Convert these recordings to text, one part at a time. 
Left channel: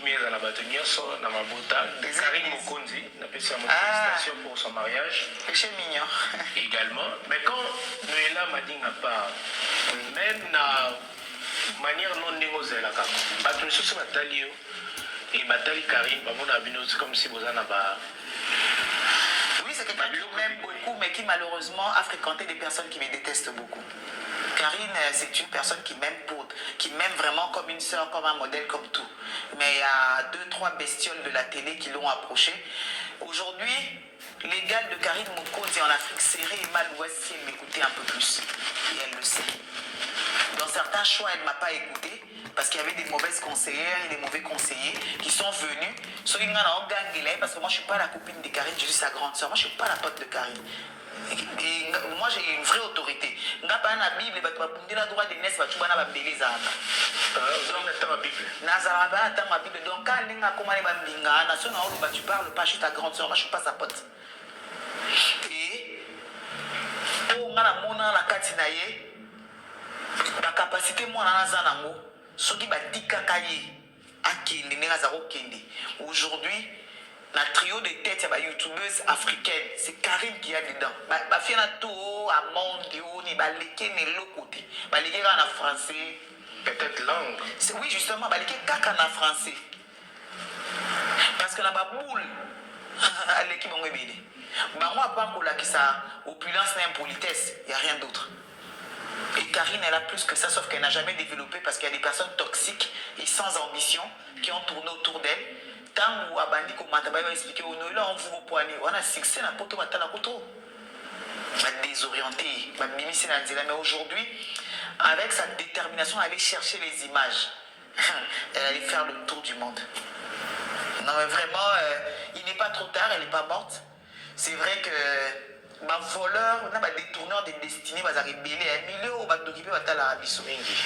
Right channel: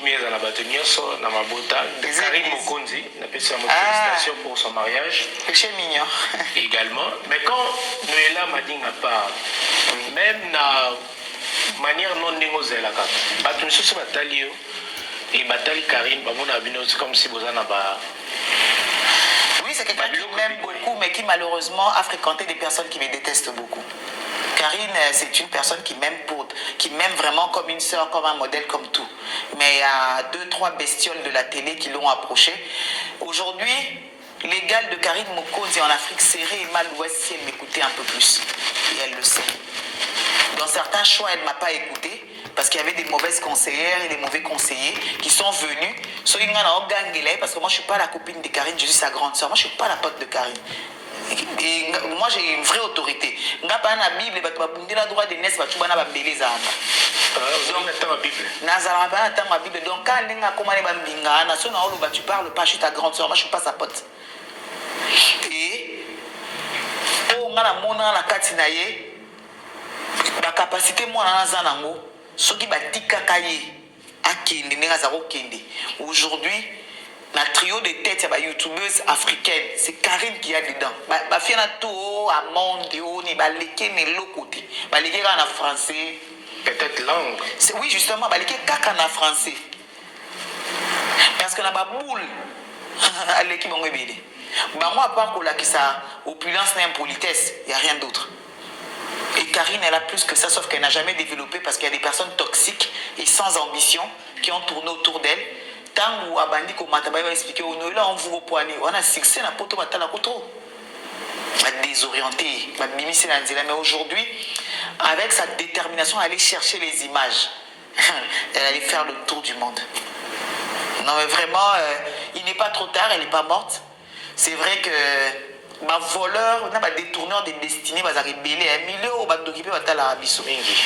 kimia dans la bateau na mabota Karine Mokonzi n'a pas sa félicitations pour son mariage. C'est mignon. Également, mais quand Noëlla m'a dit à part, même na manière non négociable là, bateau sur batalio et batali Karine, bah mon abino c'est comme si vous en avez. Oui, c'est quelqu'un qui m'aime beaucoup, mais qui malheureusement a fréquenté des personnes qui me détestent beaucoup. Karine, c'est une personne qui m'aime vraiment comme une sœur, comme un modèle, comme tout. Mais il y a 2-3 bestioles de la télé qui l'ont approchée. Aujourd'hui, l'égal de Karine Mokonzi en Afrique serait Emma Louest si elle m'écoutait un peu plus. Et elle le sait. Dans certains choix, elle ne m'a pas écouté parce qu'il y avait des mauvaises conseillères et des mauvais conseillers qui sont venus. Parce que moi, je ne suis pas la copine de Karine, je suis sa grande sœur. Moi, je ne suis pas la pote de Karine. Et moi j'ai une vraie autorité. Nga pas na Bible ba bundela droit de naissance ba tubana ba mbeleza anga. Nazara ba attend ma Bible donc quand nenga komane ba mbinga na sona olo ba tu parles pas, je suis ta grande sœur, moi je suis pas sa pote. Et on a la mona la katina ye ba capacité moi na zanango soki ba tikaka ye akende nenga za kokende. Aujourd'hui la trio de tête, il y a youtubeuses africaines. C'est Karine qui a dedans. Ma fille a tout à monde, ni baleke ni l'autre côté. Baleke en français. Peut-être langue. Oui, justement, baleke kaka en français. Parce que la baboule, elle est qui m'ont ébélé. Moi, à part que ça opulence n'a impolitesse, il n'y a rien d'autre. Et Karine, elle a plus que ça, sauf qu'elle n'a jamais développé parce qu'il y a des personnes toxiques et sans ambition qui ont tourné autour d'elle. Tant où abandi ko mataba va expliquer au Noëlla on vous poignet on a succès na poto batala koto désorienté ma mimisi na nzela mais aujourd'hui avec sa détermination à aller chercher les images elle allait faire le tour du monde. Non mais vraiment il n'est pas trop tard, elle n'est pas morte. C'est vrai que ma voleur na ba détourneur des destinées ba za rebelle un milieu au ba d'occuper batala biso mingi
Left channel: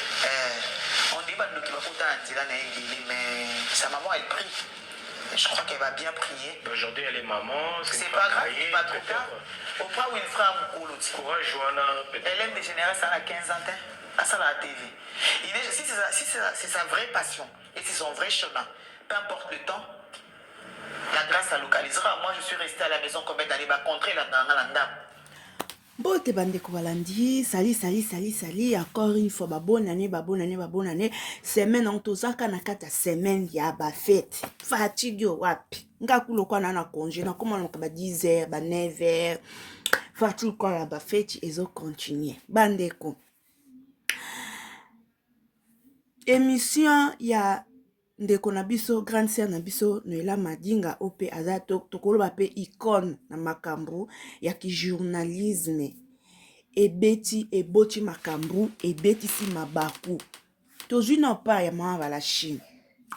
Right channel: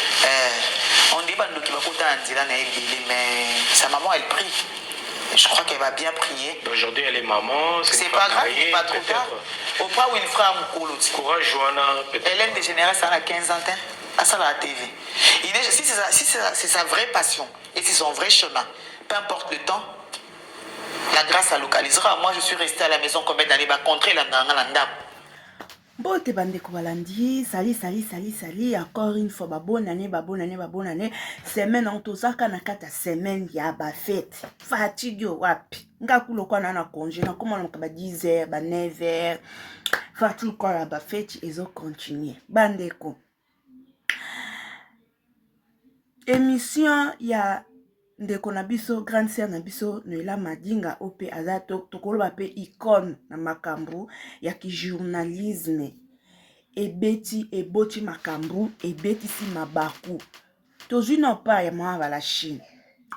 on dit ba d'occuper kota nzela na ebele mais sa maman elle prie. Je crois qu'elle va bien prier. Aujourd'hui, elle est maman. C'est pas grave, il n'est pas trop tard. Au point où il fera un coulot. Courage, Johanna. Hélène Dégénérée, ça a 15 ans. À ça, la TV. Si c'est sa vraie passion et c'est son vrai chemin, peu importe le temps, la grâce la localisera. Moi, je suis restée à la maison combien d'années va contrer la ndam. Bote bandeko balandi, sali, encore une fois, bonne année, semaine en tozaka na kata semaine ya ba fête. Fatigue wapi. Nga kulo kwa na congé, na comment on ba 10h, ba 9h. Fatigue kwa la ba fête ezo continuer. Bandeko. Émission ya ndeko na biso grande sœur na biso Noëlla Madinga ope azato tokoloba pe icône na makambo ya ki journalisme ebeti eboti makambo ebeti si mabaku tozui na pa ya mwa la Chine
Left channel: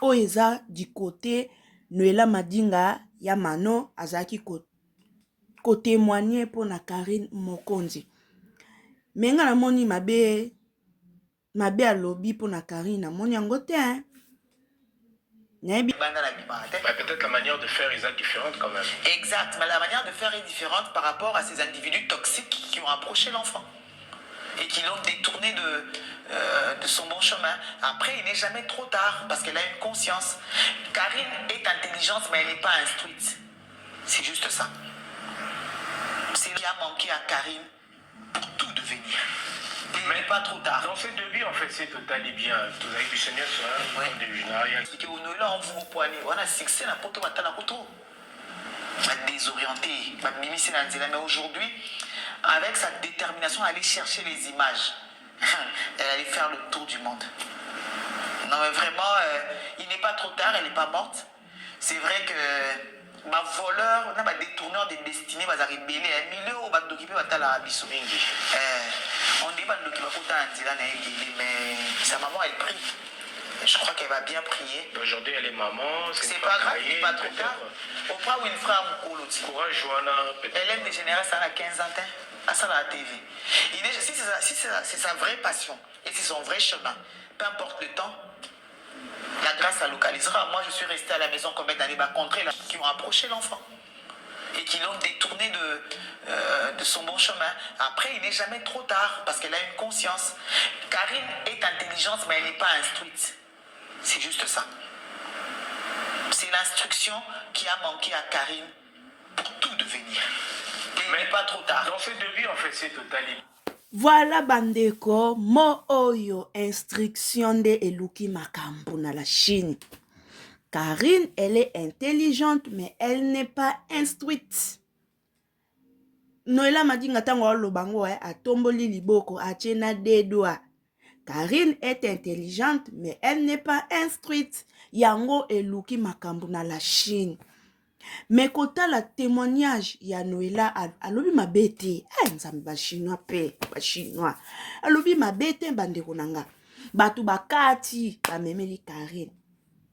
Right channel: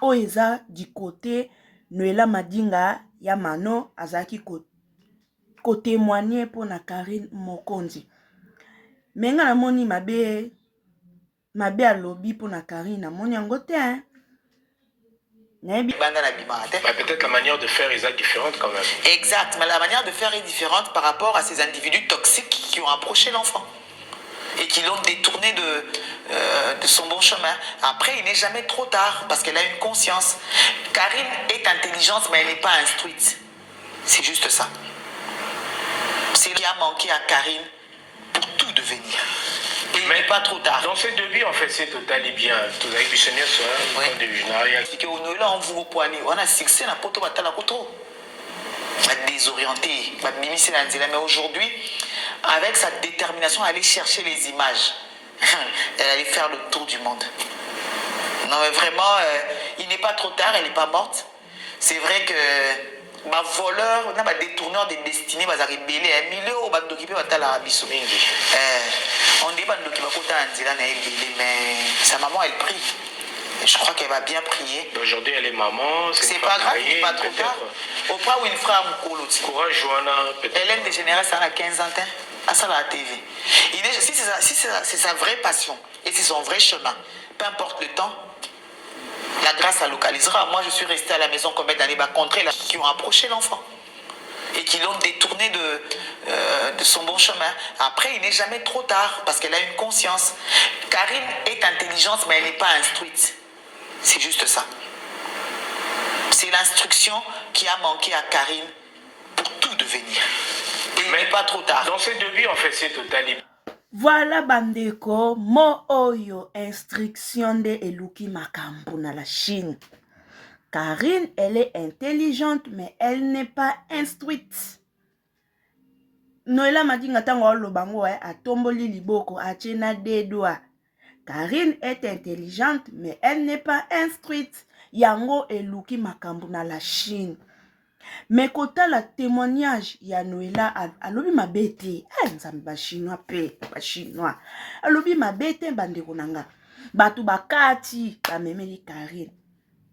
o eza du côté Noëlla Madinga ya mano azaki ko témoigner pour na Karine Mokonzi menga na moni mabe alobi pour na Karine na moni yango te hein. Peut-être la manière de faire est différente quand même. Exact, mais la manière de faire est différente par rapport à ces individus toxiques qui ont approché l'enfant et qui l'ont détourné de son bon chemin. Après, il n'est jamais trop tard parce qu'elle a une conscience. Karine est intelligente, mais elle n'est pas instruite. C'est juste ça. C'est ce qui a manqué à Karine pour tout devenir. Et il n'est pas trop tard. Dans ces devis, en fait, c'est total et bien. Tout avec missionnaire sur un début. C'est qu'au Noëlla, on vous poignez. On a succès na poto batala koto. Désorienté, ma mimisi na nzela. Mais aujourd'hui, avec sa détermination à aller chercher les images, elle allait faire le tour du monde. Non mais vraiment, il n'est pas trop tard, elle n'est pas morte. C'est vrai que ma voleur, on a détourneur des destinées, va rebelle un milieu au ba d'occuper batala biso mingi. On dit ba d'occuper kota nzela na ebele mais sa maman elle prie. Et je crois qu'elle va bien prier. Aujourd'hui elle est maman. C'est pas grave, il n'est pas trop tard. Au point où il fera un coulot. Courage, Johanna. Hélène Dégénérée, ça a 15 ans. À ça la TV. Si c'est sa vraie passion et c'est son vrai chemin, peu importe le temps, la grâce la localisera. Moi, je suis restée à la maison combien d'années va contrer qui ont approché l'enfant et qui l'ont détourné de son bon chemin. Après, il n'est jamais trop tard parce qu'elle a une conscience. Karine est intelligente, mais elle n'est pas instruite. C'est juste ça. l'instruction qui a manqué à Karine pour tout devenir. Et il n'est pas trop tard. Dans ce devis, en fait, c'est total. Voilà bandeko, mo oyo instruction de eluki makambo na la Chine. Karine, elle est intelligente, mais elle n'est pas instruite. Noela Madinga tango lobango a tomboli liboko a chena dedwa. Karine est intelligente, mais elle n'est pas instruite. Yango eluki makambo na la Chine. Mais kota la témoignage ya Noela alobi mabete. Nzambe ba chinois pe, ba chinois. Alobi mabete bandeko nanga. Batu bakati ba memeli Karine.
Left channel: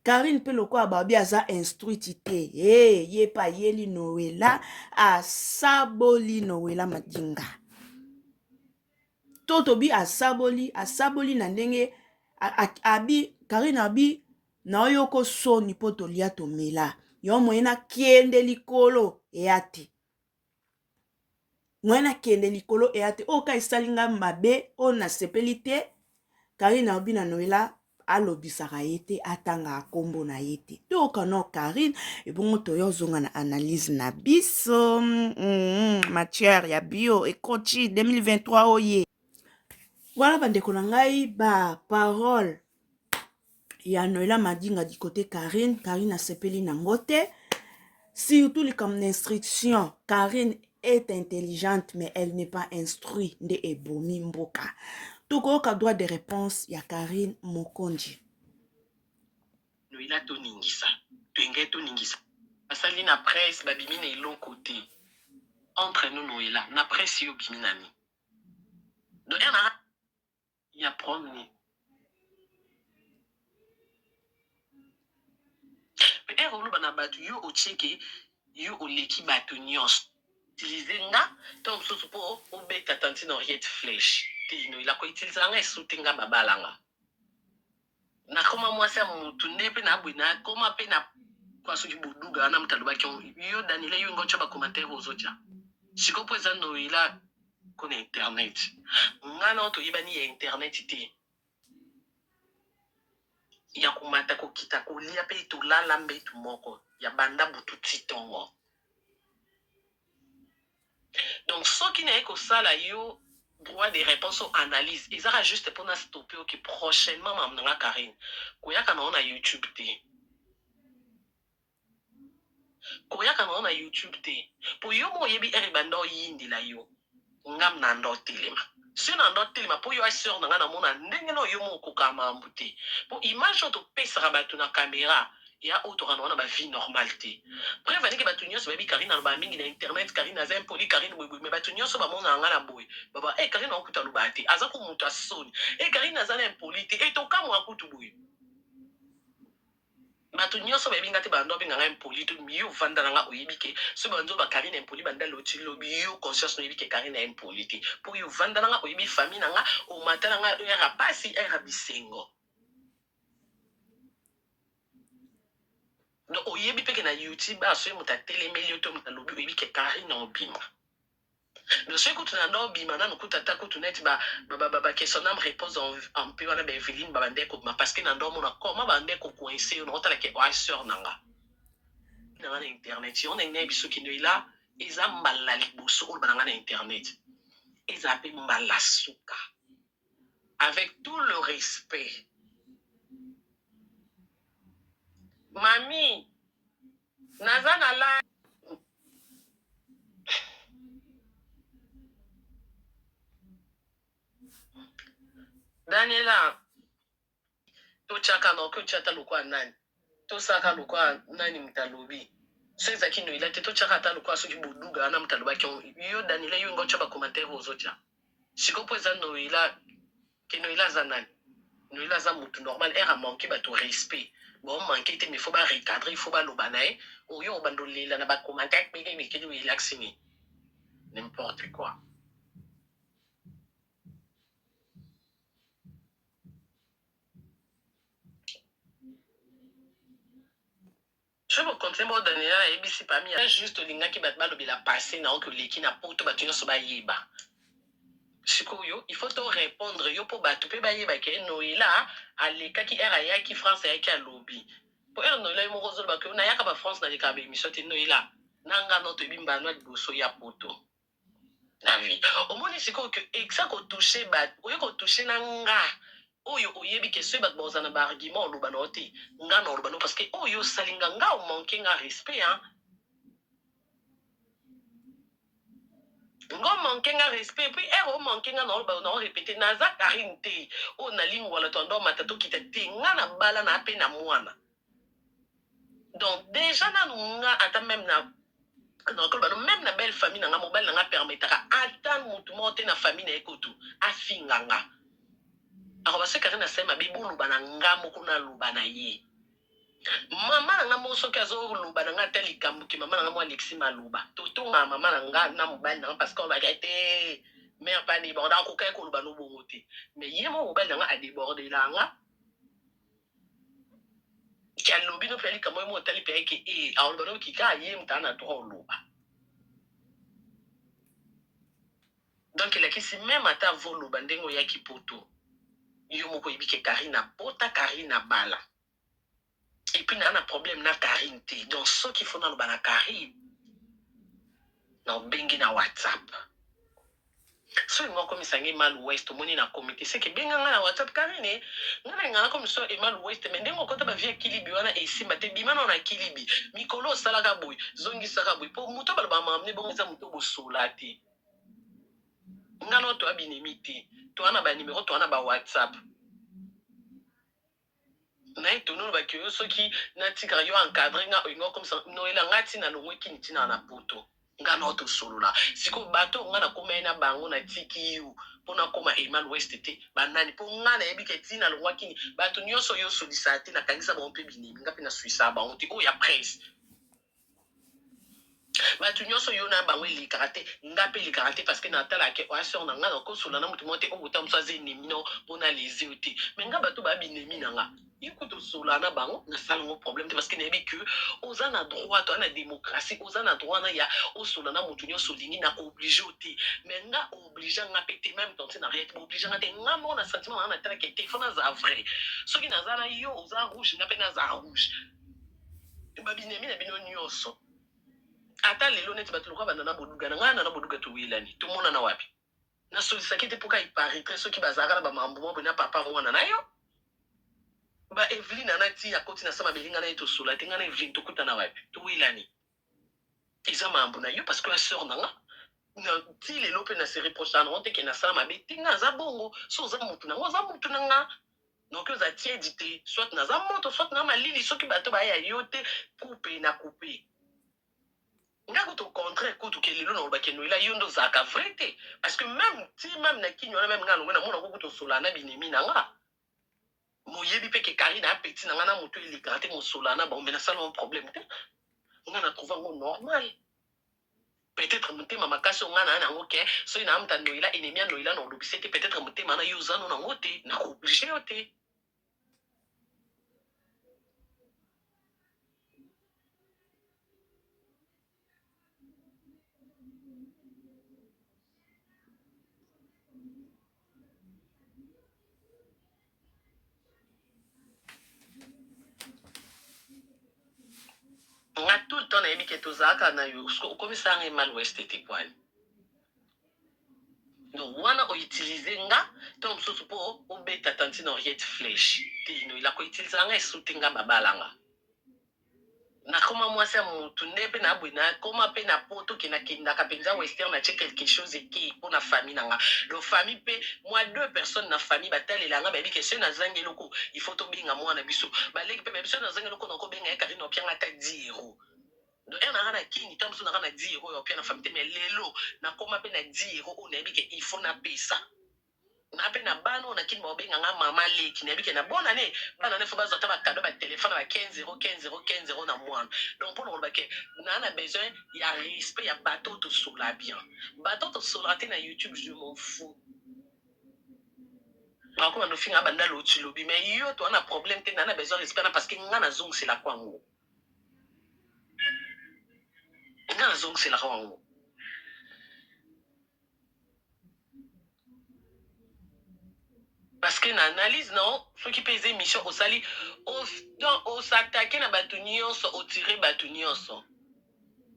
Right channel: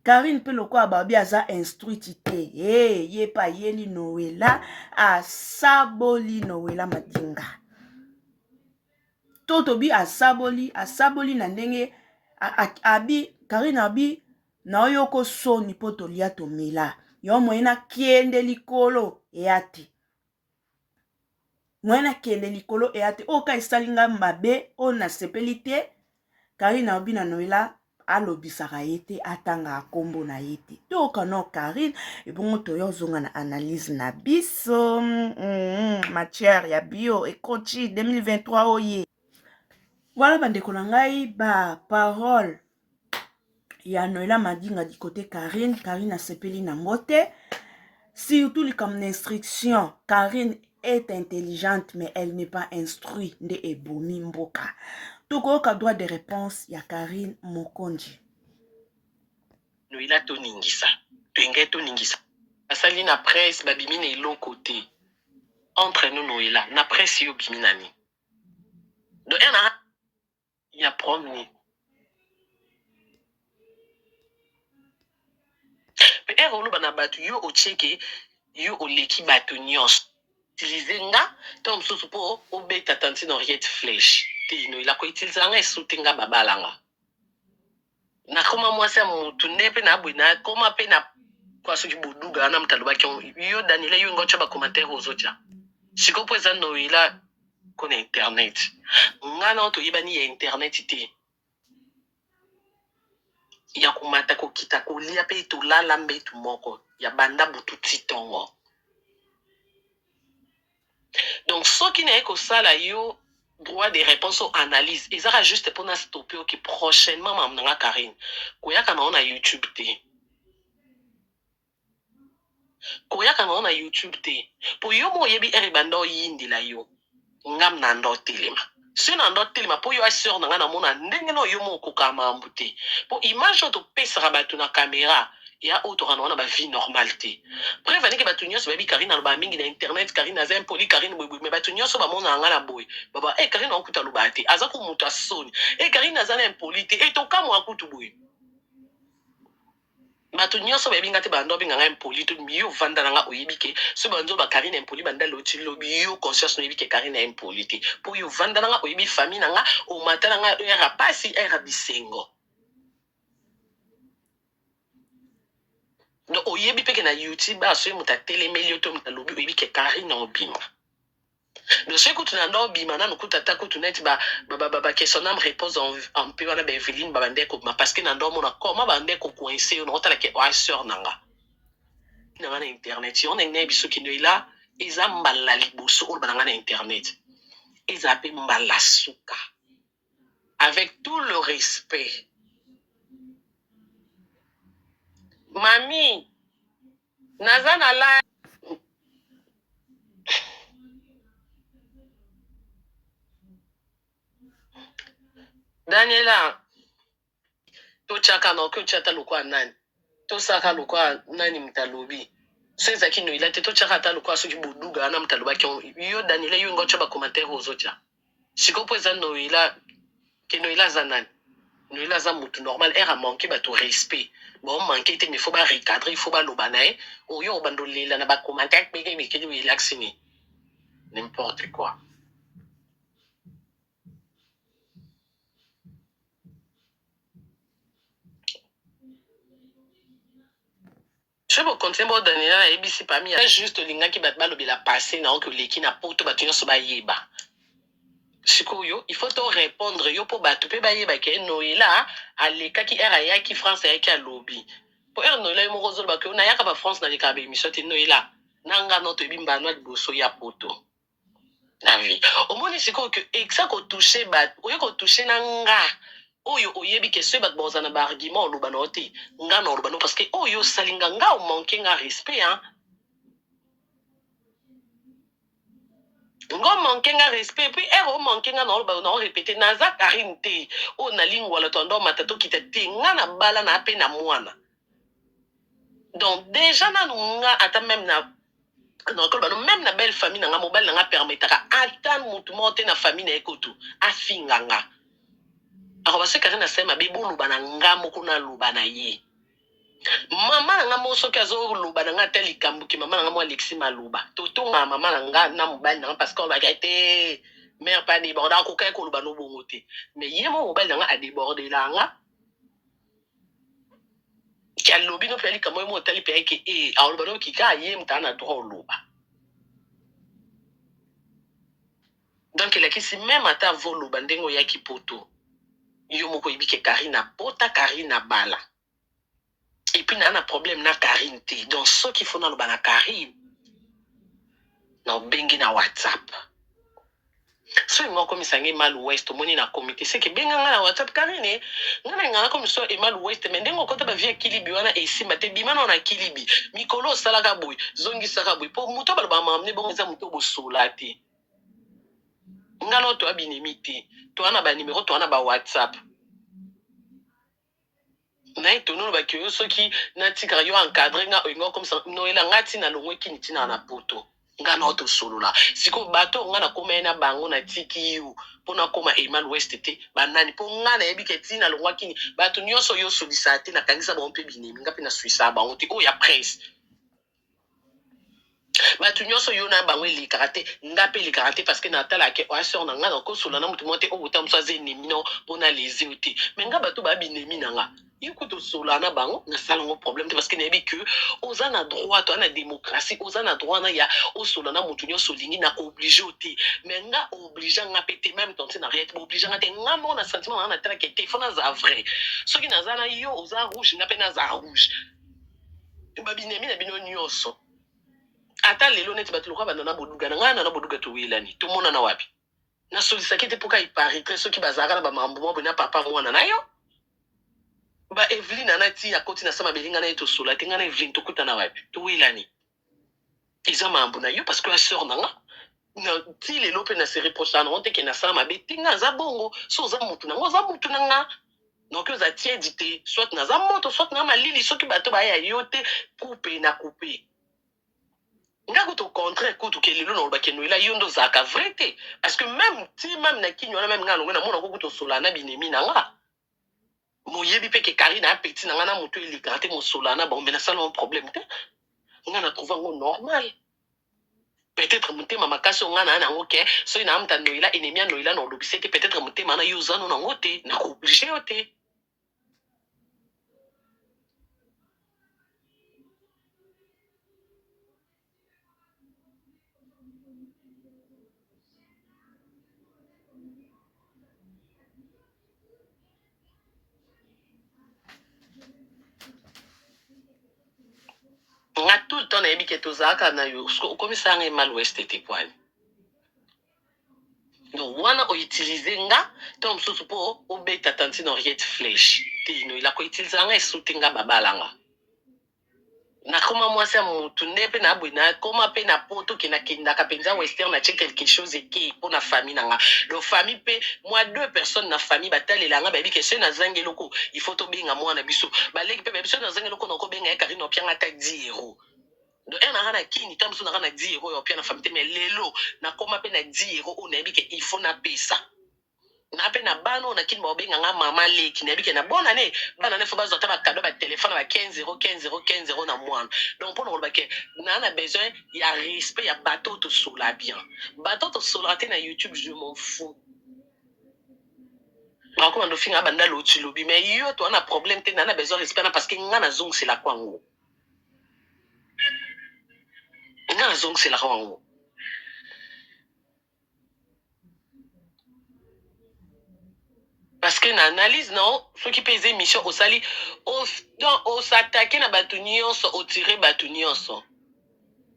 Karine pe lokwa babi aza instruite te. Ye pa yeli Noela asaboli Noela Madinga. Totobi asaboli na ndenge abi Karine abi na oyoko soni poto lia tomela. Yo moyena kiende likolo eate. Moyena kiende likolo eate. Oka isalinga mabe o na sepelite. Karine abi na Noela alobisaka yete atanga akombo na yete. Toka no Karine ebongo toyo zonga na analyse na biso. Matière ya bio ekoti 2023 oye. Voilà bandeko na ngai ba parole ya Noela Madinga du côté Karine. Karine a sepeli na ngote. Surtout les comme instruction. Karine est intelligente mais elle n'est pas instruite. Nde ebomi mboka. Toko ka droit de réponse ya Karine Mokonji. Noela to ningisa. Penge to ningisa. Asali na presse babimi na elon côté. Entre nous Noela, na presse yo bimi nani. Do ena ya promis. Pe ero bana batu yo ocheke yo oleki batu nyos. Utiliser nga tom soso po obeta tanti no riet flèche. Te Noela ko utiliser nga esutenga babalanga. Na koma mwasi ya mutu nepe na abwina koma pe na kwa soki boduga na mutaloba ki yo Daniela yo ngocha ba commentaire ozocha. Sikopo eza Noela kona internet. Nga na to yibani ya internet te. Ya kumata ko kita ko lia pe to lala mbetu moko ya banda butu titongo. Donc soki na eko sala yo droit de réponse aux analyses. Ils aura juste pour nous stopper qui prochainement mamnanga Karine. Koyaka na on a YouTube te. Koyaka na on a YouTube te. Pour yo mo yebi eribando yindi la yo. Ngam na ndo telema. Si na ndo telema pour yo assure na na mona ndenge no yo mo kokama ambute. Pour image to pesa rabatu na caméra. Ya auto na ba vie normale te. Prévenir que batu nyos baby Karine na ba mingi na internet Karine na zem poli Karine boy mais batu nyos ba mona nga na boy. Baba Karine na okuta lubate aza ko muta soni. Karine na za na impolite to kamo akutu boy. Batu nyos baby ngate bando binga nga impolite miyo vanda nga oyibike so banzo ba Karine impoli banda loti lobi yo conscience no yibike Karine impolite. Pour yo vanda nga oyibi famille nga o matala nga era pasi era bisengo. Donc, au yebi peke na YouTube, à ce moment, télémélio, tom, na lobi, oyebi ke Karine na obima. Donc, ce que tu n'as pas obima, na nukuta tako tu net, question réponse en peu, wana Beveline, bande ko, parce que na ndo mona, comment bande ko coincé, on otala ke oiseur nanga. Na internet, on est né biso ki noila, eza mbala liboso, on bananga na internet. Eza pe mbala suka. Avec tout le respect. Mami, nazana la Daniela, to chaka no ko chata lokwa nani. To saka lokwa nani mtalobi. Seza ki Noela te to chaka ta lokwa so ki boduga na mtaloba ki yo Daniela yo ngocha ba commentaire ozocha. Sikopo eza Noela ke Noela za nani. Noela za mutu normal era manqué ba to respect. Bon manqué te mais faut ba recadrer, il faut ba lobanae. O yo bandolela na ba commentaire peke mais ke relaxini. N'importe quoi. Je vais continuer à donner la ABC parmi juste les gens qui battent mal la passé non que les qui n'a pas tout battu sur baïba. Sikoyo, il faut te répondre yo pour battre pe baïba que Noela à l'écart qui era ya qui France ya qui a lobby. po noila yo moko zolo bake na yaka ba France na lika ba émission te noila nanga no to bimba no liboso ya poto na vie omoni siko que exa ko toucher ba oyo ko toucher nanga oyo oyebi ke so bat bozana ba argument oluba no te nga no oluba no parce que oyo salinga nga o manquer nga respect hein ngo manquer nga respect puis ero manquer nga no oluba no répéter naza Karine te o na lingwa le tondo matato kita te nga na bala na pe na mwana donc déjà na nga ata même na donc même na belle famille na nga mobile na nga permetaka ata mutu mote na famille na ekoto afinga nga alors parce que na sema bibu luba na nga moko na luba na ye mama na nga mo soki azo luba na nga te likambuki mama na nga mo Alexis Maluba totonga mama na nga na mobile na nga parce que on va été mère pas débordé ko kay ko luba no bongo te mais ye mo mobile na nga a débordé la nga ki alobi no peli kamo mo tali pe ke alors bano ki ka ye mtana droit luba donc il a qui si même ata volo bandengo ya ki poto yo moko ibike Karina pota Karina bala et puis na problème na Karine te donc ce qu'il faut na lo bana Karine na bengi na WhatsApp so ngo comme ça ngi mal ouest moni na comité c'est que benga na WhatsApp Karine ngana comme ça e mal ouest mais ndengo kota ba via kilibi wana e simba te bimana na kilibi mikolo salaka boy zongi saka boy po muto ba mamne bon za muto bo solati ngano to abinemi te to ana ba numéro to ana ba WhatsApp na etono ba ke soki na tika yo encadrer nga ngo comme ça noela ngati na longwe kiniti na poto nga na auto solo la siko bato nga na koma na bango na tiki yu pona koma Emal West te banani po nga na yebi ke tina longwa kini bato nyonso yo solisate na kangisa ba mpe binemi nga pe na suisa ba onti o ya presse bato nyonso yo na bango elikaka te nga pe elikaka te parce que natala ke oaseur na nga na kosola na motu mo te obuta moso aza enemi no mpona lesi o te me nga bato babinemi na nga ikutu sola na bango na salango problème te parce que nayebi que oza na droit to na démocratie oza na droit na ya osola na motu nyonso lingi na oblige o te me nga oblige nga pe te même tonse na rien oblige nga te nga mo na sentiment na tala ke te fona za vrai soki naza na yo oza rouge nga pe na za rouge babinemi na bino nyonso ata lelo neti bato lokwa banda na boduga na ngai na boduga toyelani tomona na wapi nasolisaki te mpoka iparitre soki bazalaka na bamambo mwa boye na papa mwana na yo ba Eveline anati akoti na sama belinga na ye tosola te ngai na Eveline tokuta na wapi toyelani eza mambo na yo parce que ya sœur na nga na ti lelo mpe na se reproche na te ke nasala mabe te nga aza bongo so oza mutu na nga oza mutu na nga donc oza tiedi te soit naza moto soit na malili soki bato baya yo te coupe na coupe nga kutu contraire kutu ke lelo na olobaki noela yo ndo ozalaka vrai te parce que même ti même na kini wana même nga longo na mona ko kutu osola na binemi na nga moyebi mpe ke Karine apeti na nga na moto elikaka te mosola na bango me nasala mo problème te nga na trouve yango normal peut-être motema makasi onga na yango ke soki na amuta noela enemi ya noela na olobisi te peut-être motema na yo oza no nango te na kooblige yo te nga tout le temps nayebi ke tozalaka na yo okomisa yanga Emal West te kwani donc wana outilize nga to mosusu mpo obeta tantine Henriette Flèche te noela koutilize yanga esute nga babalanga nakoma mwasi ya motu nde mpe na boye nakoma mpe na poto ke nakendaka mpenza western natie quelque chose eke mpo na famille na nga donc famille mpe mwa 2 personnes na famille batalela nga bayebi ke se nazangi eloko il faut tobenga mwana biso baleki mpe bayebi se nazangi eloko nakobenga ye Karine opianga ata 10 euros donc ere nanga na kini ta mosu nanga na 10 euros ya opia na famille te mais lelo nakoma mpe na 10 euros oyo nayebi ke il faut napesa na pe na bana oyo nakini baobenga nga mama leki nayebi ke na bona ne bana ne fo bazwa ata bakado batelefone ba 15 euros 15 euros 15 euros na mwana donc mpo na koloba ke naa na besoin ya respect ya bato oyo tosola bien bato oyo tosolaka te na YouTube je m'en fous bakoma ndofinga banda loti lobi mais yo to ana problème te naa na besoin respect na parce que nga nazongisela kwango nga nazongisela kwango parce que na analyse non ceux qui pèsent émission au sali au s'attaquer na batu nyonso au tirer batu nyonso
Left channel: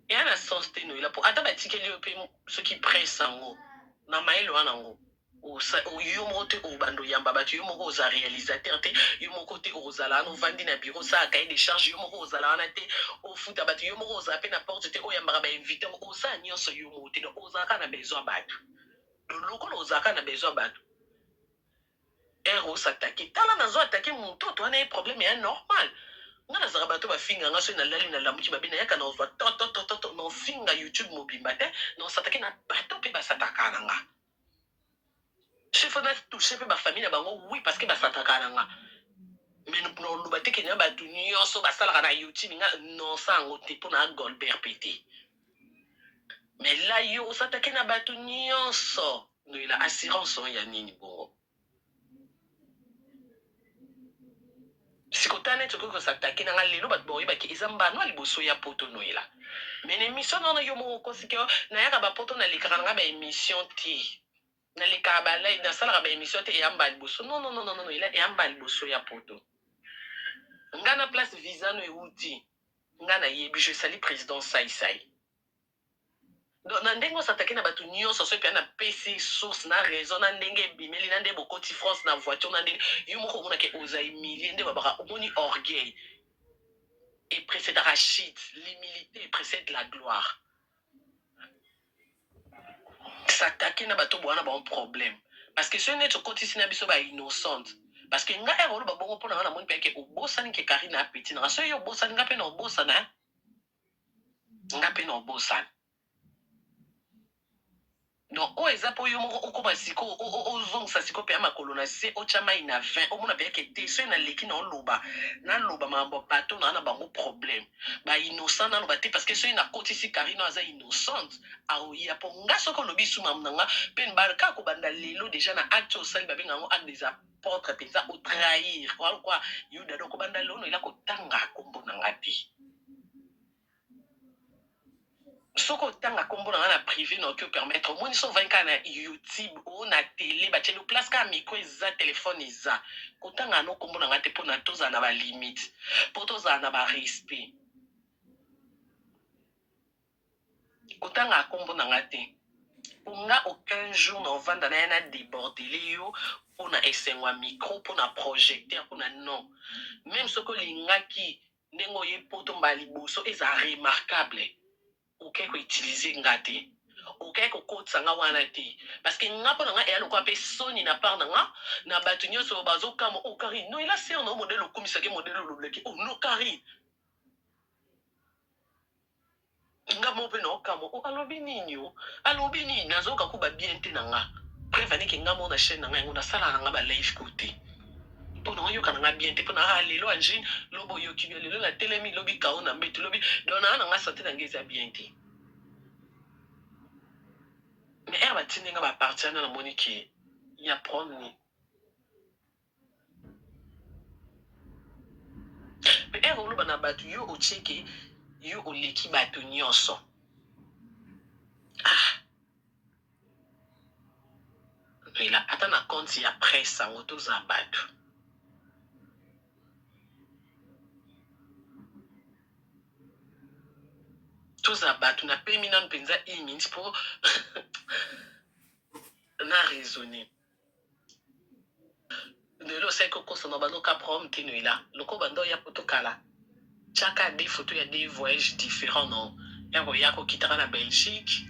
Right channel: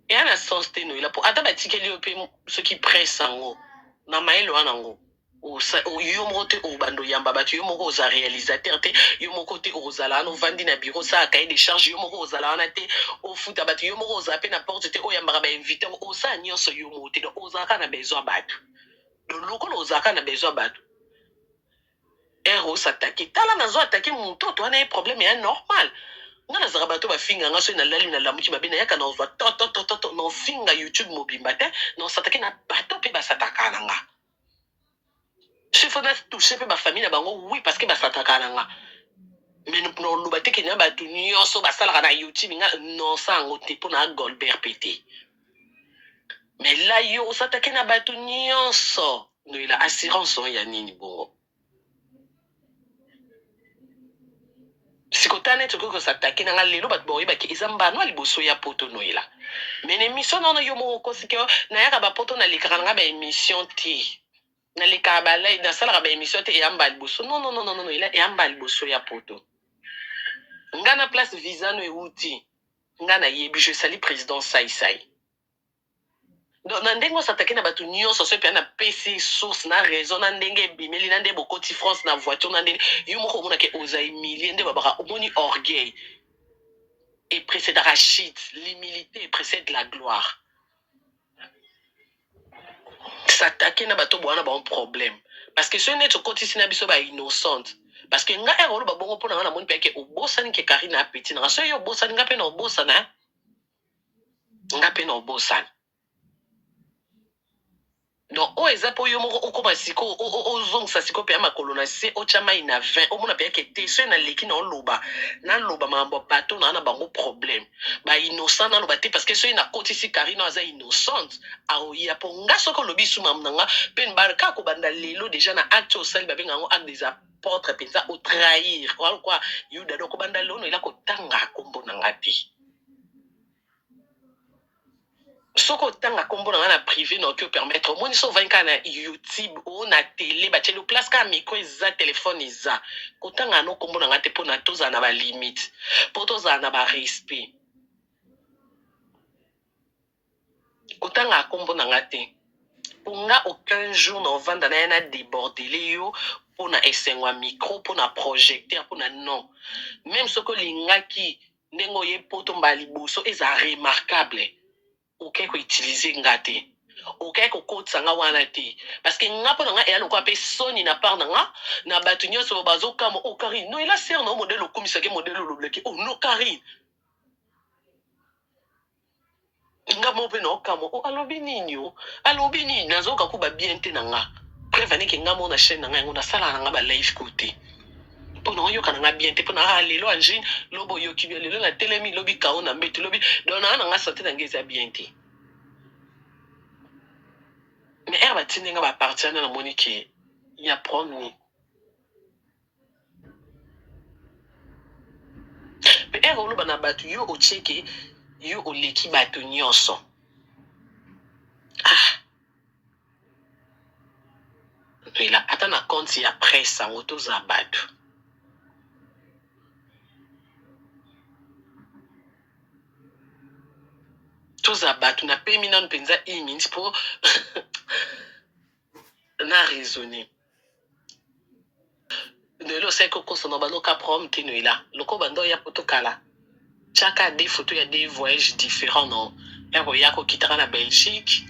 et à la sens te noila pour ata batikeli yo pe ceux qui pressent ngo na maelo wana ngo o yo moko te o bando yamba batu yo moko oza réalisateur te yo moko te ozala no vandi na bureau ça cahier de charge yo moko ozala wana te o futa batu yo moko oza pe na porte te o yamba ba invité o sa nyonso yo moko te ozaka na besoin batu donc lokolo ozaka na besoin batu ero s'attaquer tala nazo attaquer moto to ana problème est normal nga nazaka bato bafinga nga so na lali na lamuki babe na yaka na ozwa to na finga YouTube mobimba te na s'attaquer na bato pe basataka na nga je faut na toucher pe ba famille na bango oui parce que basataka na nga mais no loba te kenya bato nyonso basalaka na YouTube nga non sango te po na Goldberg pété mais là yo s'attaquer na bato nyonso no ila assurance ya nini bongo sikotane to ko s'attaquer na lelo bat boye ba ki izamba no liboso ya poto no ila mais émission non yo mo ko sikyo na yaka ba poto na likana nga ba émission ti na likaba ba lai na sala ba émission ti yamba liboso non ila yamba liboso ya poto nga na place visa no euti nga na yebi je sali président sai donc na ndenge s'attaquer na batu nyonso so pe na PC source na raison na ndenge bimeli na ndenge bokoti France na voiture na ndenge yo moko mona ke oza humilié ndenge babaka omoni orgueil et précède Rachid l'humilité précède la gloire s'attaquer na bato bwana ba un problème parce que ce n'est to koti sina biso ba innocente parce que nga ero ba bongo pona na moni pe ke obosani ke Karina Petit na so yo bosani nga pe na obosana nga pe na obosana donc o eza po yo moko okoma siko ozongisa siko pe makolo na se ochama ina 20 omona pe ke te so na leki na oloba mambo bato na bango problème ba innocent na loba te parce que so ina koti si Karina aza innocente aoya po nga soko lobi suma mnanga pe mbarka ko banda lelo déjà na acte au sel babenga ngo acte des apôtres penza au trahir quoi yuda doko banda lono ila ko tanga kombo na ngati soko tanga kombo na na privé na que permettre moi ni so 20 na YouTube ou na télé ba tshelo place ka micro za téléphone za kotanga no kombo na ngate po na toza na ba limite po toza na ba respect kotanga kombo na ngate nga aucun jour na vanda na déborder yo pour na esengwa micro pour na projecteur pour na non même soko lingaki ndengo ye poto mbali boso eza remarquable ok ko utiliser ngate ok ko kotsa nga wana te parce que nga pona nga e aloko ape soni na part nga na batu nyonso bazo kamo o Karine no ila ser no modèle okomisa ke modèle lobleki oh no Karine nga mo pe no kamo o alobi nini nazoka ku ba bien te na nga preuve ne ke nga mo na chaîne na nga ngo na sala na nga ba live côté pona yo kana nga bien te pona lelo anjine lobo yo kibia lelo na telemi lobi kao na mbeti lobi dona na nga santé na ngeza bien te mais elle va tenir nga ba partir na monique ya prendre mais elle loba na batu yo o cheke yo o leki batu nyonso ila ata na compte ya presse ngo toza batu toza batu na pemi nanu penza imins pour na raisonner lelo sai ko kosono baloka prom tino ila loko bando ya potokala chaka des photos ya des voyages différents non ero yako kitaka na Belgique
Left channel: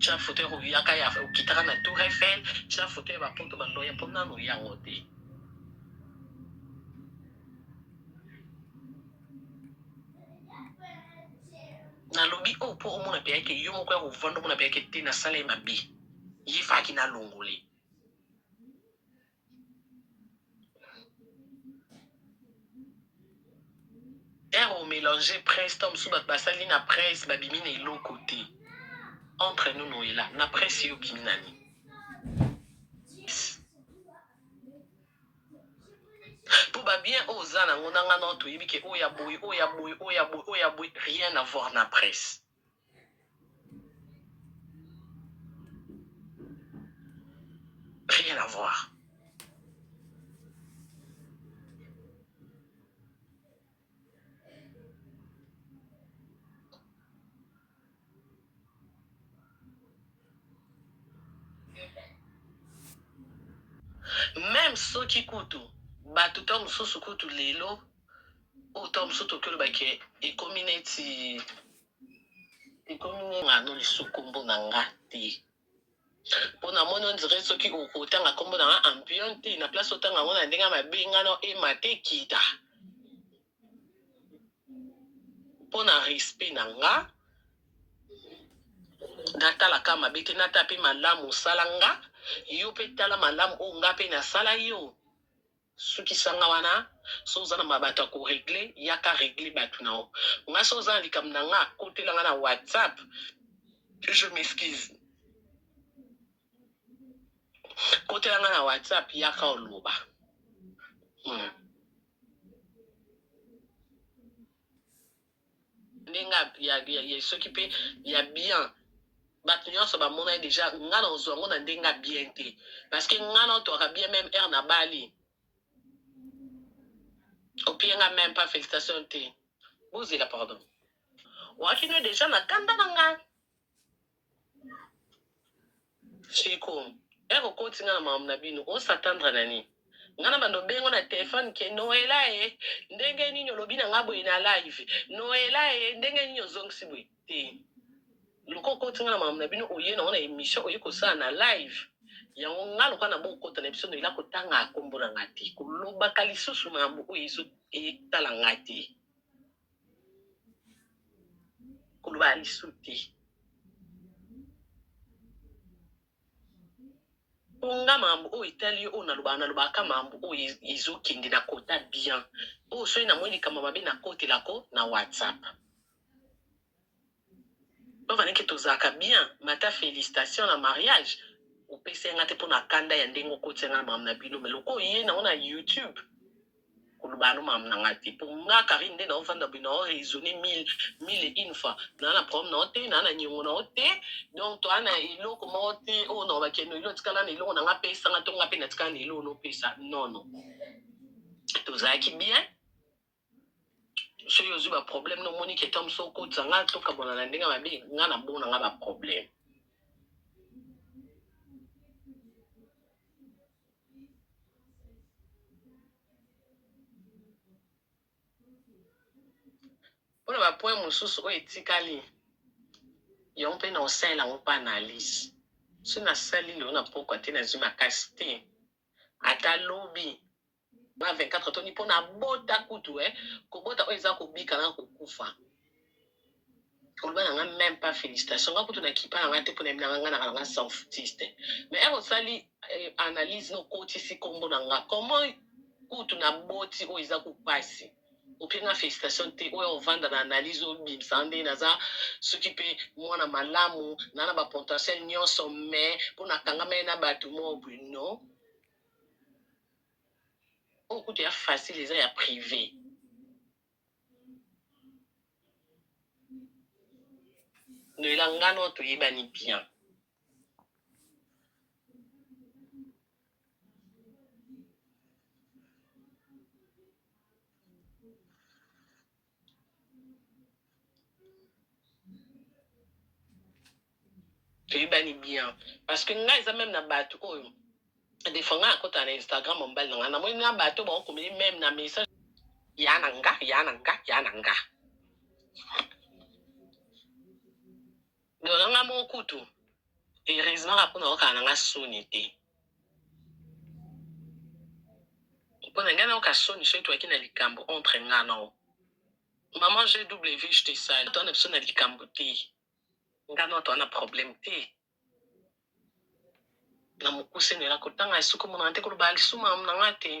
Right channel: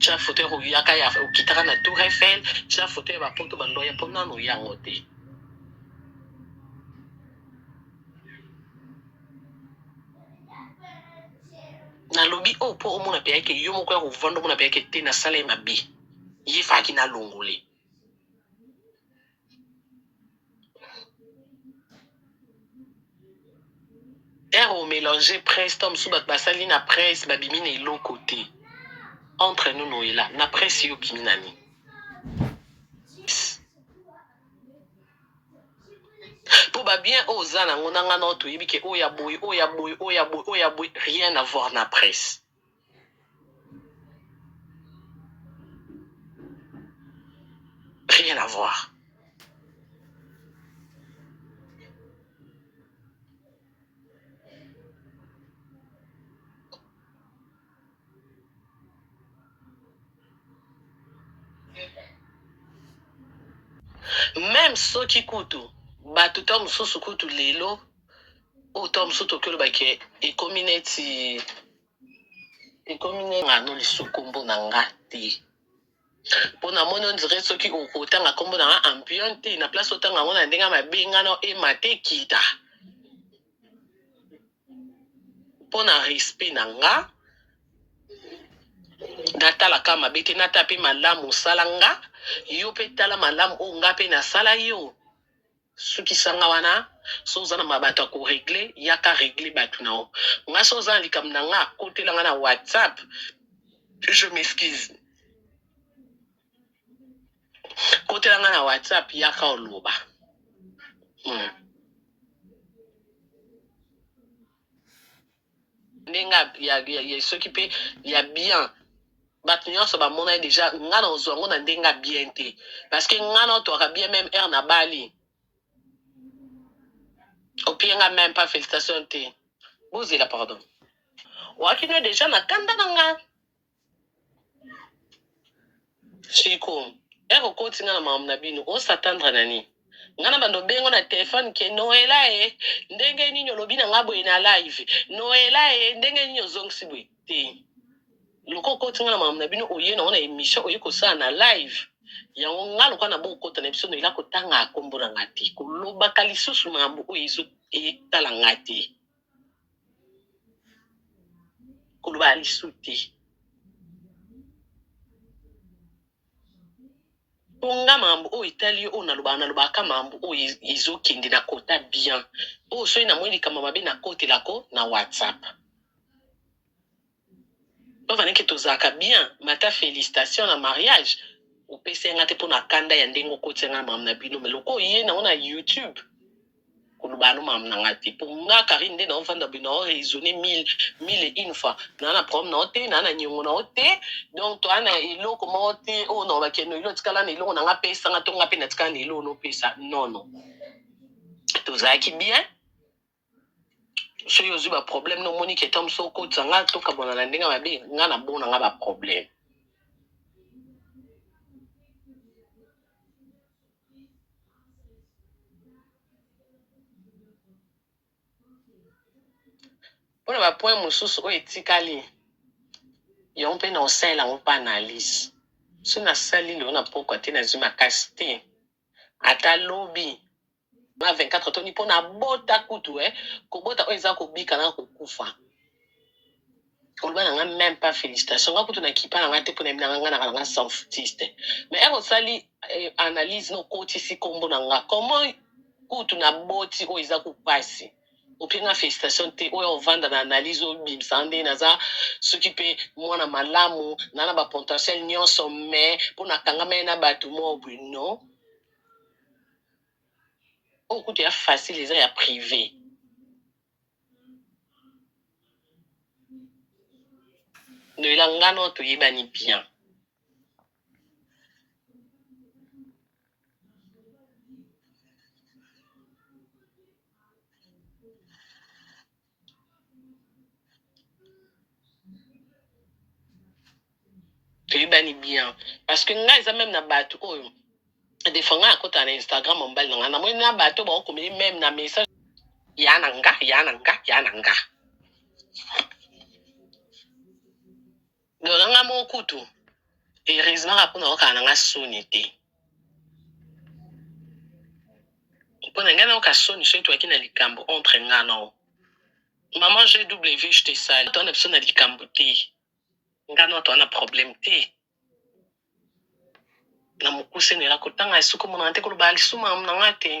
cha photo ero yaka ya kitaka na Tour Eiffel cha photo ya bapoto bando ya pona no yango te na lobi o po omona pe yake yo moko ya ko vando mona pe yake te na sala ya mabi yi faki na longole ero mélanger presse tom sou bat basali na presse babimi na ilo côté entre nous no ila na presse yo bimi nani pour ba bien oza na ngona nga no to yibike oya boy rien à voir na presse rien à voir même soki kutu bato to mosusu kutu lelo oyo to mosusu tokoloba ke ekomi neti ngano lisu kombo na nga te mpo namoni ondire soki okotanga kombo na nga ampion te na place otanga yango na ndenge mabe ngana ema te kita mpo na respect na nga natalaka mabe te nata mpe malamu osala nga yo mpe tala malamu oyo nga mpe nasala yo sukisanga wana so oza na mabato ya koregle yaka regle bato na yo nga so oza na likambo na nga akotelanga na whatsapp je m'excuse kotelanga na whatsapp yaka oloba ndenge soki mpe ya bien bato nyonso bamona ye deja nga na ozwa yango na ndenge ya bien te parce que nga na otwaka bien même aire na bali opienga même pas félicitation te bozela pardon wakino deja na kanda na nga siko ere okotinga na makambo na bino osatandre nani nga na bando bengo na telefone ke noela e ndenge nini olobi na nga boye na live noela e ndenge nini ozongisi boye te loko okotinga na makambo na bino oye nango na émission oye kosala na live yango nga lokwa na bokota na biso noela kotanga akombo na nga te kolobaka lisusu makambo oyo etala nga te koloba lisu te nga makambo oyo etali oyo nalobaka makambo oyo ezokende na kota bien oyo soki namoi likambo mabe nakotelako na whatsapp ovaneke tozalaka bien mata félicitation na mariage opesenga te mpo na kanda ya ndenge okotianga na makambo na bino me loko oye nango na youtube koloba no makambo na nga te mpo nga Karine nde naovanda boye nao raisonne mille une fois naa na problème nao te naa na niongo nao te donc toa na eloko moko te oyo nao bakeno elo tikala na eloko na nga pesanga to nga mpe na tikala na eloko nopesa nono tozalaki bien soki ozwi baproblème nomoni ke tom so okotisa nga tokabona na ndenge mabe nga na bona nga baproblème mpona bapoint mosusu oyo etikali yango mpe na osalela yango mpa analyse so nasali lelo na pokwa te nazwi makasi te ata lobi na 24 toni mpo na bota kutu kobota oyo eza kobika na kokufa koloba na nga même pas félicitation nga kutu nakipa na nga te mpo na yebi na nga na nga sans foutiste mais ere osali analyse na okotisi kombo na nga comment kutu na boti oyo eza kopasi openga félicitation te oyo ovanda na analyse oyo bimisa nde naza soki mpe mwana malamu na na bapotentiel nyonso mais mpo nakangama ye na bato mo boye non oyo kutu ya facile eza ya privé noyela ngano toyebani bien toyebani bien parce que nga eza même na bato oyo des fois nga akota na Instagram mobile na nga namoni na bato baokomeli même na message ya na nga donc nga moko kutu heureusement mpona okala na nga soni te mpona ngai nayoka soni soki toyaki na likambo entre nga nao maman GW je te sali toa na biso na likambo te nga nao toa na problème te na mokuse nela kotanga esuku monanga te koloba lisu mamu na nga te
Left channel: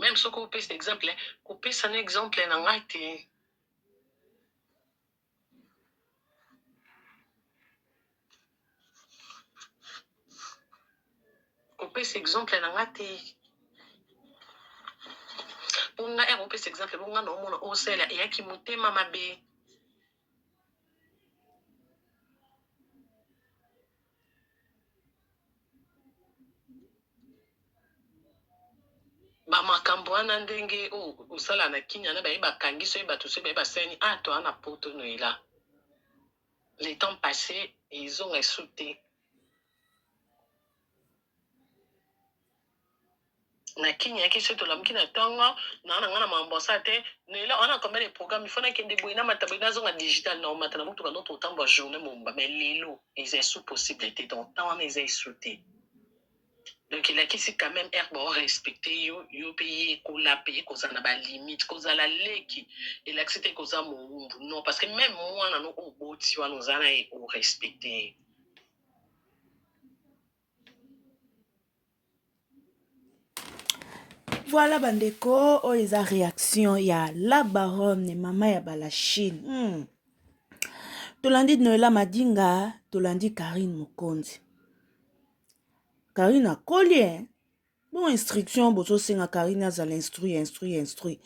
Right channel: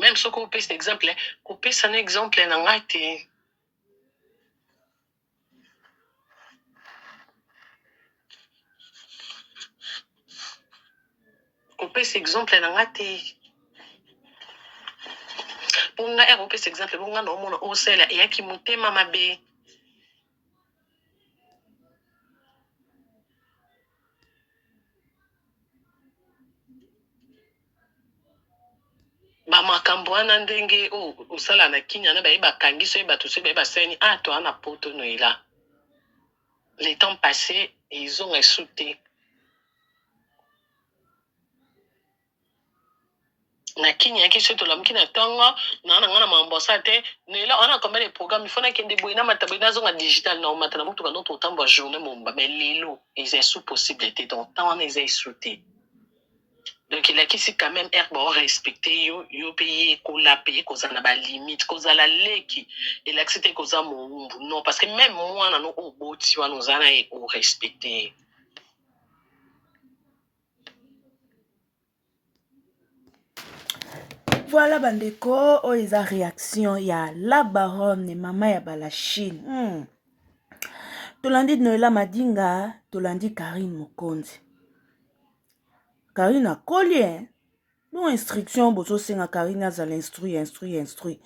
même soki opesa exemple kopesa na exemple na nga te kopesa exemple na nga te mpo nga ere opesa exemple bonga na omona osala eyaki motema mabe bamakambo wana ndenge osala na kinya na baye bakangi soki bato soki baye basani toa na poto noela le temps passé ezonga esu te na kini yaki so tolamuki na ntongo na nga na mambosa te nela on a combien de programmes il faut na kende boyina matabina zonga digital na omata na mutuka notre temps ba journée momba mais lelo ils sous possibilité donc temps ils est sauté donc il a qui c'est quand même herbe on respecter yo payer ko la payer koza na ba limite koza la leki il accepter koza mo non parce que même moi na no oboti wa nous ana et au respecter. Voilà bandeko, oh eza réaction ya la baronne mama ya balachine. Tolandi Noela Madinga, tolandi Karine Mokonzi. Karine a collier. Bon instruction bozo senga Karine azala instruit.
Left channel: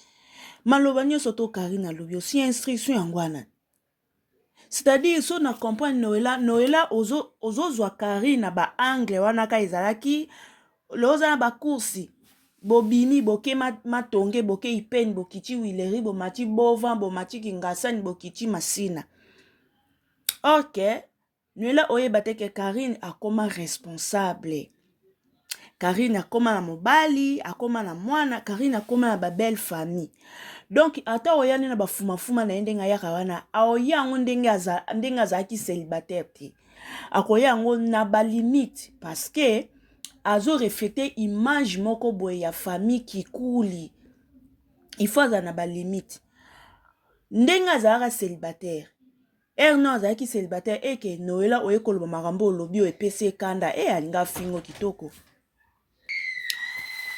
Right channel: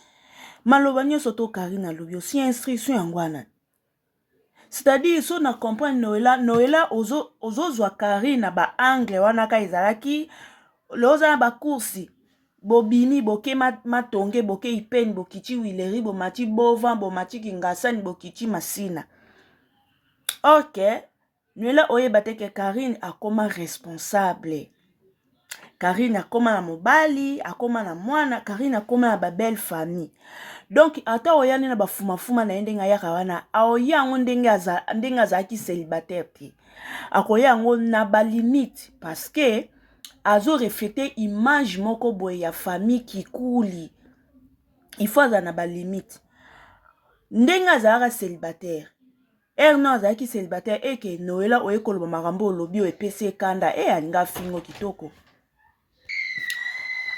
Malobanya soto Karine a lobi aussi instruction yangwana. C'est-à-dire so na comprendre Noela ozo zwa Karine ba angle wana ka ezalaki loza na ba kursi. Bobini boke matonge boke ipeni bokichi wileri bomati bovan bomati kingasani bokichi masina. Ok, Noela oyeba te ke Karine akoma responsable. Karine akoma na mobali, akoma na mwana, Karine akoma na ba belle famille. Donc ata oyani na bafuma na ndenga yaka wana, aoya yango ndenga azaki célibataire te. Akoya yango na ba limite parce que azo refléter image moko boye ya famille kikuli. Il faut aza na ba limite. Ndenga azaka célibataire. Non azaki célibataire eke Noela oye koloba makambo olobi epesi kanda alinga fingo kitoko.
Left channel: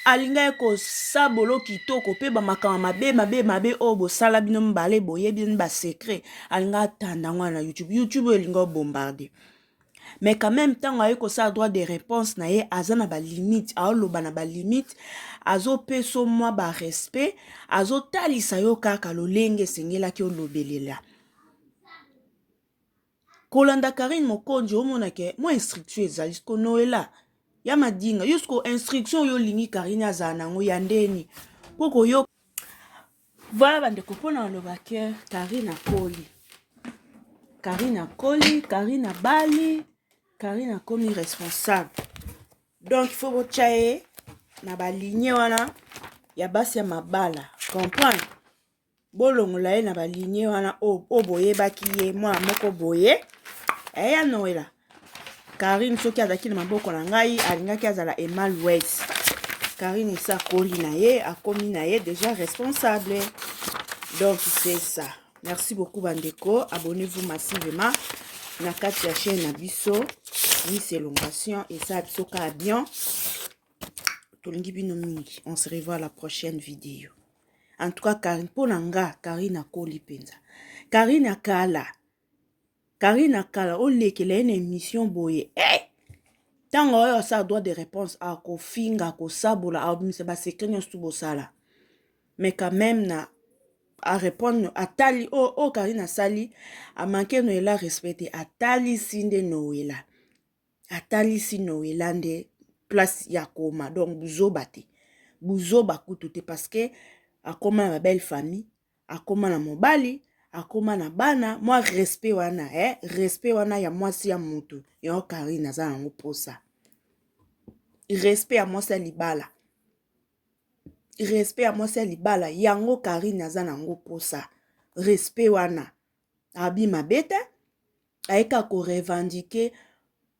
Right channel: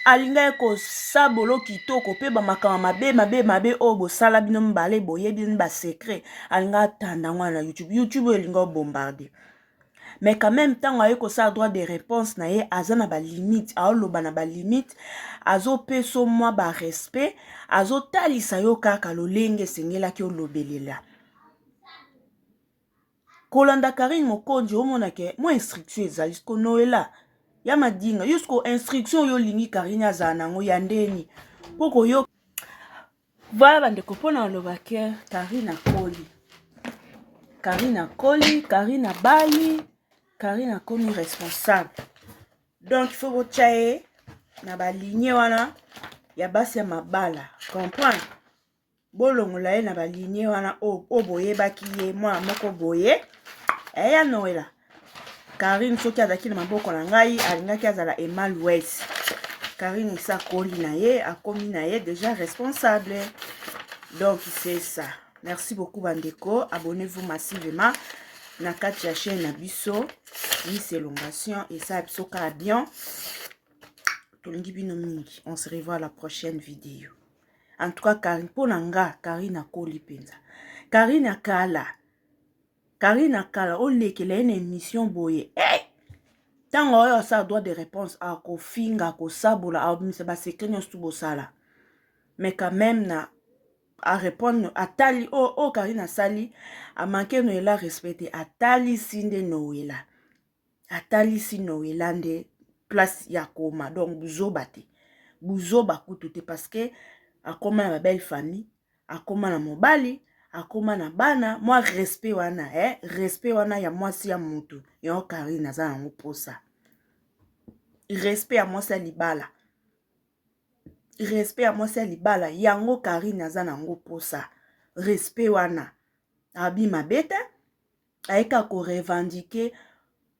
Alinga eko sabolo kitoko pe ba makama mabe obo sala bino mbale boye bino ba secret alinga tanda ngwana YouTube elinga bombarder. Mais quand même tant ayeko sa droit de réponse na ye azana ba limite aoloba na ba limite azo peso moi ba respect azo talisa yo kaka lolenge sengela ki olobelela. Kolanda Karine Mokonzi omona ke mo instruction ezali ko Noela ya Madinga yusko instruction yo lingi Karine azana ngo ya ndeni poko yo voilà bandeko pona loba ke Karine akoli Karine abali Karine akomi responsable donc il faut bochaye na ba ligne wana ya basi ya mabala comprendre bolongola ye na ba ligne wana o boye baki ye mwa moko boye ya Noela Karine soki azaki na maboko na ngai alingaki azala Emal West Karine sa koli na ye akomi na ye déjà responsable donc c'est ça. Merci beaucoup bandeko, abonnez-vous massivement na kati ya chaîne na biso c'est Elongation et ça biso ka bien tolingi bino mingi. On se revoit à la prochaine vidéo. En tout cas Karine ponanga Karine akoli penza Karine akala olekela une émission boye tango oyo asa droit de réponse akofinga akosabola abimisa basekre nyonso bosala mais quand même na a répondre atali Karine asali a manqué Noela respecté atali sinde Noela nde place ya koma donc buzoba kutu te parce que akoma na belle famille akoma na mobali akoma na bana moi respect wana ya mwasi ya mutu yo Karine aza nango posa respect ya mwasi ya libala yango Karine aza nango posa respect wana abima bete aeka ko revendiquer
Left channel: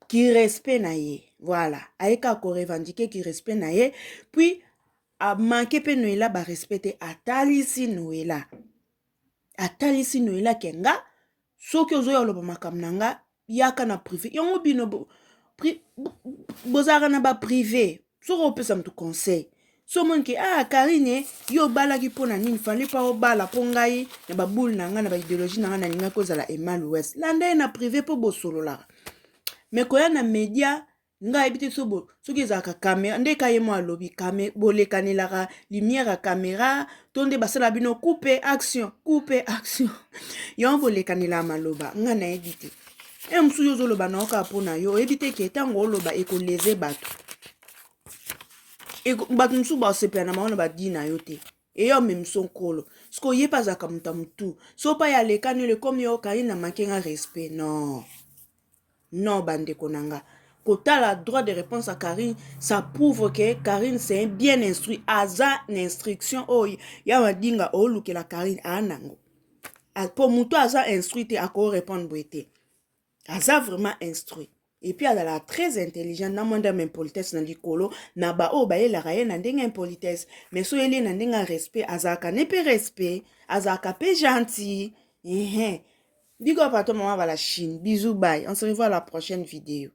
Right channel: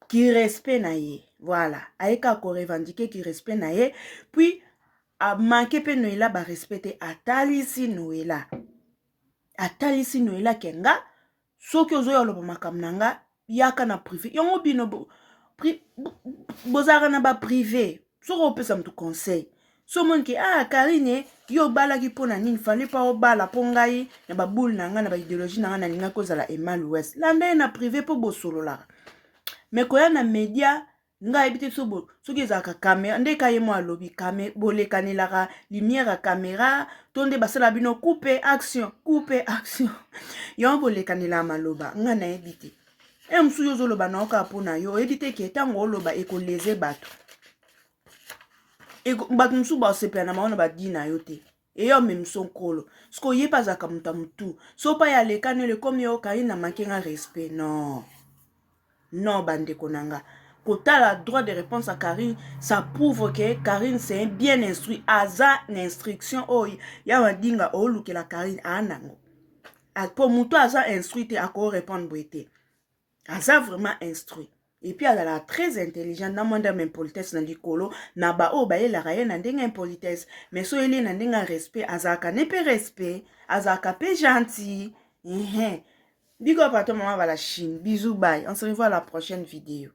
ki respect na ye voilà aeka ko revendiquer ki respect na ye puis a manqué pe Noela ba respecter atalisi Noela kenga soki ozoya loba makambo nanga yaka na privé yango bino bozaka na ba privé soko opesa mtu conseil so monke Karine yo balaki pona nini fallait pas obala po ngai na baboule na nga na ba idéologie na nga na ninga kozala Emal West landa na privé po bosolola mais koya na média ngai ebite soki ezalaka caméra ndeka ye mo alobi bolekanelaka lumière ya caméra to nde basala bino couper action yo bolekanela maloba nga na yebi te mosusu yo ozoloba na oka mpona yo oyebi te ke ntango oloba ekoleze bato mosusu basepela na maona badi na yo te eyo memiso nkolo siko oyebi azalaka moto ya motu so pa ya lekani ole komi yo Karine na manke nga respect non bandeko nanga Kota la droit de réponse à Karine, ça prouve que Karine c'est bien instruit. Aza l'instruction, oh, ya madinga, oh, luke la Karine, anango. Pour muto aza instruit, te ako répondre boete. Aza vraiment instruit. Et puis, elle a très intelligente. Na mwanda m'impolitesse na likolo. Na ba o ba ye la raye na ndenga impolitesse. Mais so ele na ndenga respect. Azaka ne pe respect. Azaka pe gentil. Big up à toi, maman, va la Chine. Bisous, bye. On se revoit à la prochaine vidéo.